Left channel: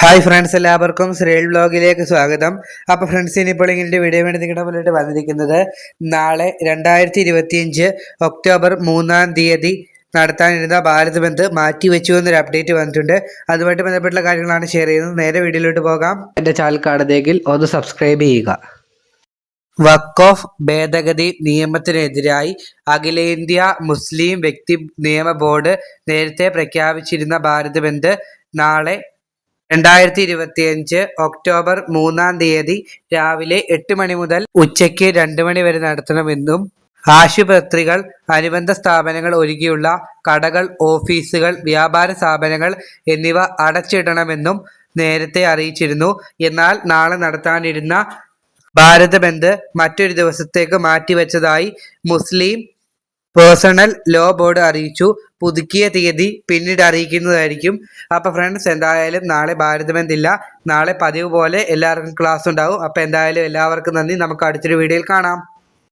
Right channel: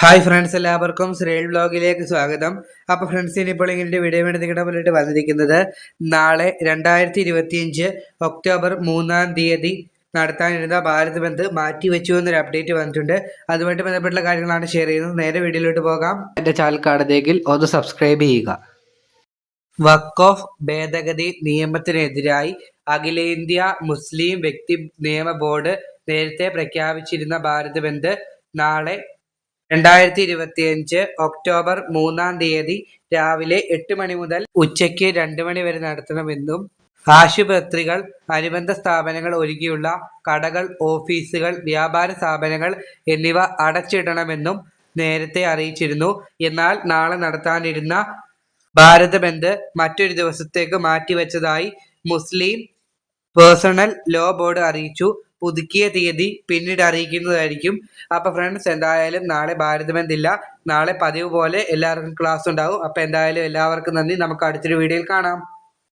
Hi friends, എല്ലാവർക്കും ശ്രേൽ വ്ലോഗിലേക്ക് സ്വാഗതം. അപ്പോൾ ഫ്രണ്ട്സ്, ഇനിയിപ്പോൾ ഇങ്ങനെ വീഡിയോ വേണ്ടി നിങ്ങളുടെ മുന്നിട്ട് വന്നിരിക്കുന്നത് നാളെ 2025 ഒക്ടോബർ 3-ാം തീയതി നടത്താനിരുന്ന ഭാരത് ബന്ദ് മാറ്റിവെച്ചു എന്നൊരു അപ്ഡേറ്റ് വന്നിട്ടുണ്ട്. അതുമായിട്ട് ബന്ധപ്പെട്ടുള്ള കാര്യങ്ങളാണ് ഷെയർ ചെയ്യുന്നത്. നേരെ വീഡിയോയിലോട്ട് പോകാം. എൻ്റെ ചാനൽ കാണുന്നെങ്കിൽ ഒന്ന് സബ്സ്ക്രൈബ് ചെയ്യുക. വഖഫ് ഓഫ് ഭേദഗതി നിയമത്തിനെതിരായി അഖിലേന്ത്യാ മുസ്ലിം വ്യക്തി നിയമ ബോർഡ് നേരത്തെ പ്രഖ്യാപിച്ചിരുന്ന ഭാരത് ബന്ദ് നാളെ 2025 ഒക്ടോബർ 3-ാം തീയതി രാവിലെ 8 മണി മുതൽ ഉച്ചയ്ക്ക് 2 മണി വരെ നടത്തണമെന്നും ആശുപത്രികൾ, അനുബന്ധ സ്ഥാപനങ്ങൾ ഒഴികെയുള്ള കടകൾ, ഓഫീസുകൾ, വ്യാപാര സ്ഥാപനങ്ങൾ എന്നിവ അടച്ചിടണമെന്നും നേരത്തെ അറിയിച്ചിരുന്നു. എന്നാൽ നാളെ നടത്താനിരുന്ന ഭാരത് ബന്ദ് മറ്റൊരു ദിവസത്തേക്ക് മാറ്റിവെച്ചതായി മുസ്ലിം പേഴ്സണൽ ലോ ബോർഡ് അറിയിച്ചു. പുതുക്കിയ തീയതി പിന്നീട് അറിയിക്കുന്നതായിരിക്കും. അപ്പോൾ ഫ്രണ്ട്സ്, എന്തായാലും നാളെ ഭാരത് ബന്ദ് ഇല്ല. നാളെ പതിവ് പോലെ എല്ലാവർക്കും ക്ലാസ് ഉണ്ടാവും. അപ്പോൾ എന്തായാലും എല്ലാവർക്കും നന്ദി. നമുക്ക് അടുത്തൊരു വീഡിയോയിൽ കാണാം.